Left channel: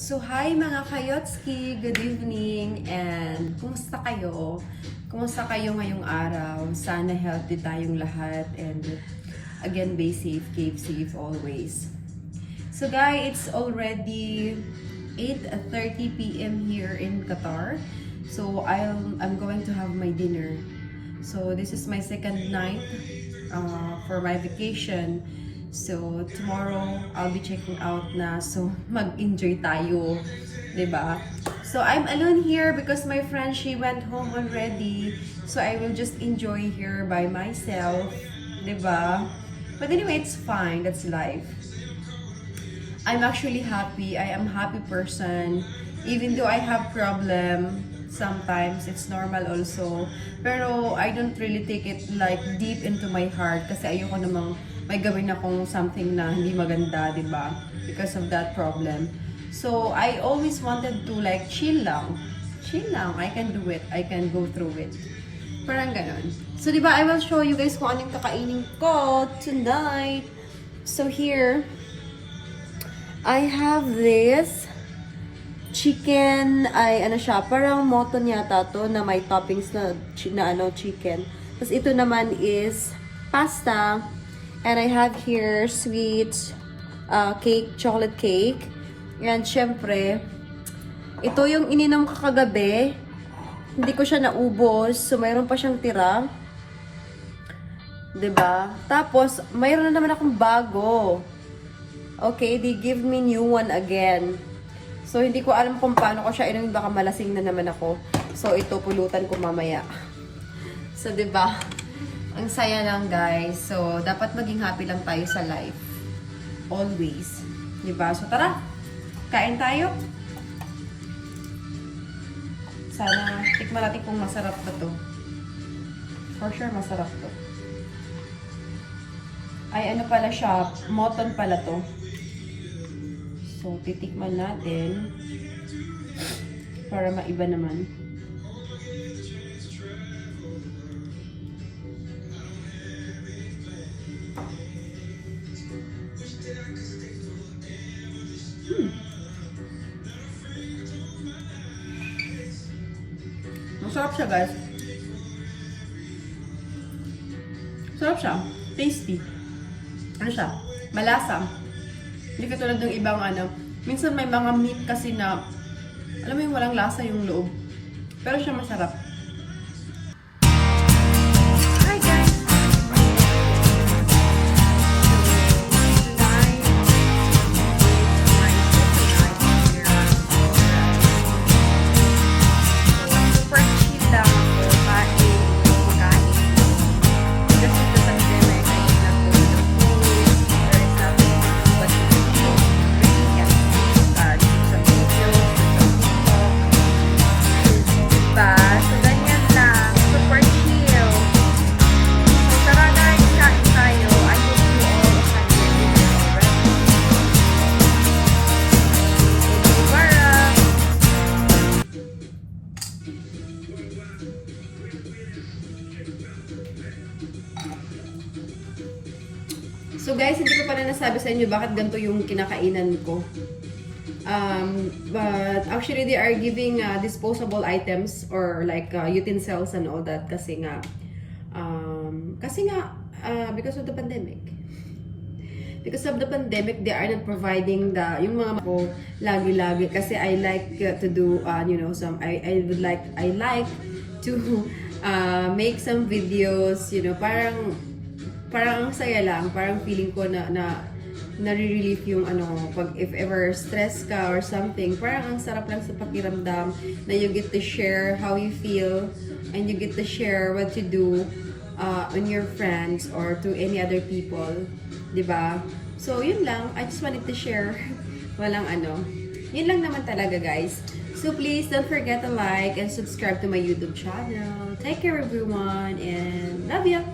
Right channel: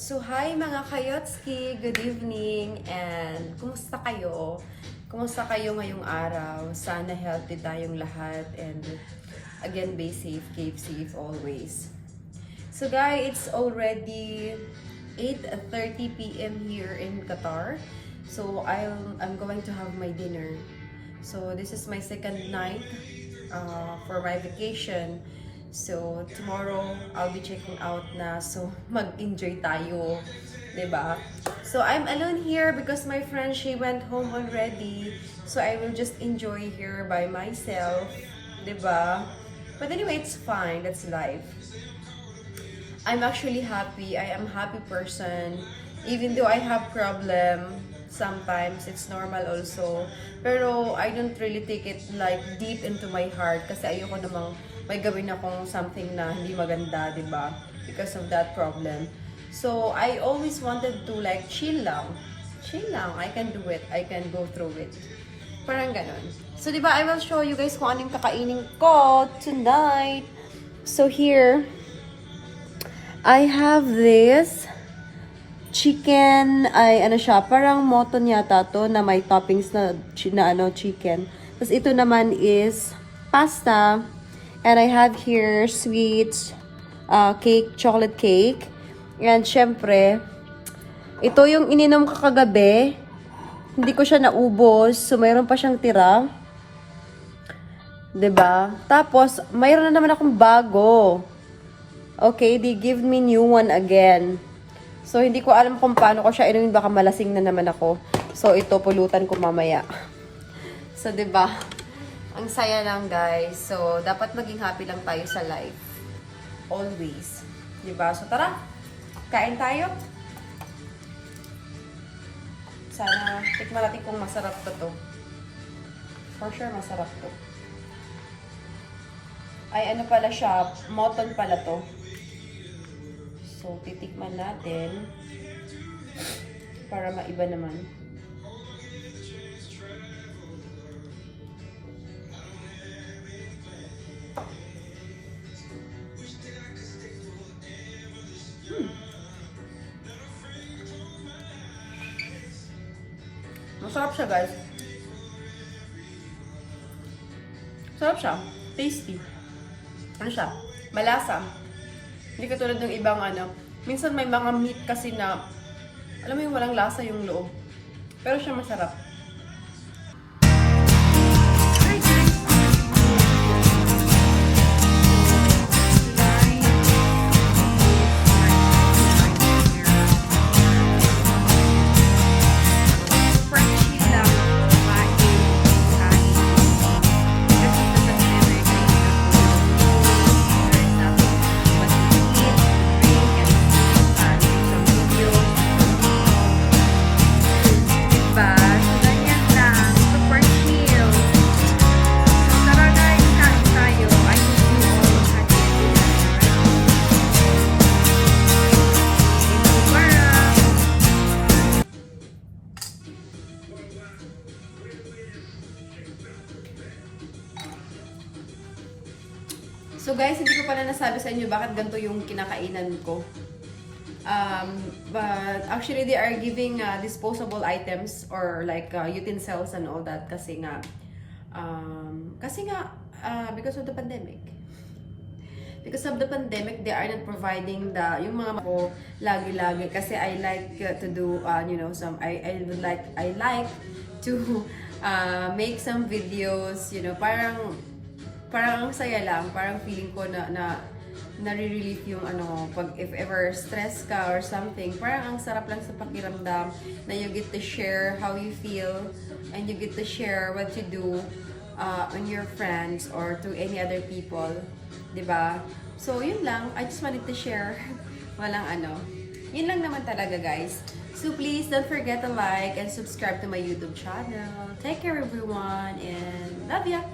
So, hi mga kayotski! Good evening! And kumusta kayo? Kumusta kayo ngayong araw? Sana healthy tayong lahat and again, be safe, keep safe always. So guys, it's already 8.30 p.m. here in Qatar. So I'm, I'm going to have my dinner. So this is my second night uh, for my vacation. So tomorrow I'll be checking out na. So mag-enjoy tayo, ba? So I'm alone here because my friend she went home already. So I will just enjoy here by myself, ba? But anyway, it's fine. That's life. I'm actually happy. I am happy person. Even though I have problem, sometimes it's normal also. Pero I don't really take it like deep into my heart kasi ayoko namang may gawin akong something na hindi maganda, di ba? Because of that problem. So, I always wanted to like chill lang. Chill lang. I can do it. I can go through it. Parang ganun. So, di ba, I will show you guys kung anong kakainin ko tonight. So, here, I have this chicken, ay ano siya, parang moton yata to na may toppings na, na ano, chicken. Tapos ito naman is pasta. And I have here sweet uh, cake, chocolate cake. And syempre, ito yung ininom ko kagabi. Hindi ko siya naubos. So, mayroon pa siyang tira. ba? Tapos, mayroon na naman akong bago. Okay, they give me new one again. So, hindi ko alam kung paano ko siya inumin. Baka malasing na naman ako. So, ito, pulutan ko mamaya. So, ba? Ang saya lang, guys. So, dapat maging happy lang tayo sa life. Always. 'Di ba? So, tara. Kain tayo. Sana, tikman natin kung masarap ba to. For sure, masarap to. Ay, ano pala siya? Moton pala to. So, titikman natin. Para maiba naman. Masarap siya, guys. Sarap siya. Tasty. Ano siya? Malasa. Hindi katulad ng ibang ano. Minsan may mga meat kasi na, alam mo yung walang lasa yung loob. Pero siya masarap. Guys, hindi ko pala nasabi sa inyo bakit ganito yung kinakainan ko. Um, but actually they are giving uh, disposable items or like uh, utensils and all that kasi nga um, kasi nga uh, because of the pandemic. Because of the pandemic, they are not providing the yung mga ko lagi-lagi kasi I like uh, to do uh, you know some I I would like I like to uh, make some videos, you know, parang parang ang saya lang, parang feeling ko na na nare-relief yung ano, pag if ever stress ka or something, parang ang sarap lang sa pakiramdam na you get to share how you feel and you get to share what you do uh, on your friends or to any other people, ba? So, yun lang. I just wanted to share. Walang ano. Yun lang naman talaga, guys. So, please don't forget to like and subscribe to my YouTube channel. Take care, everyone, and love ya!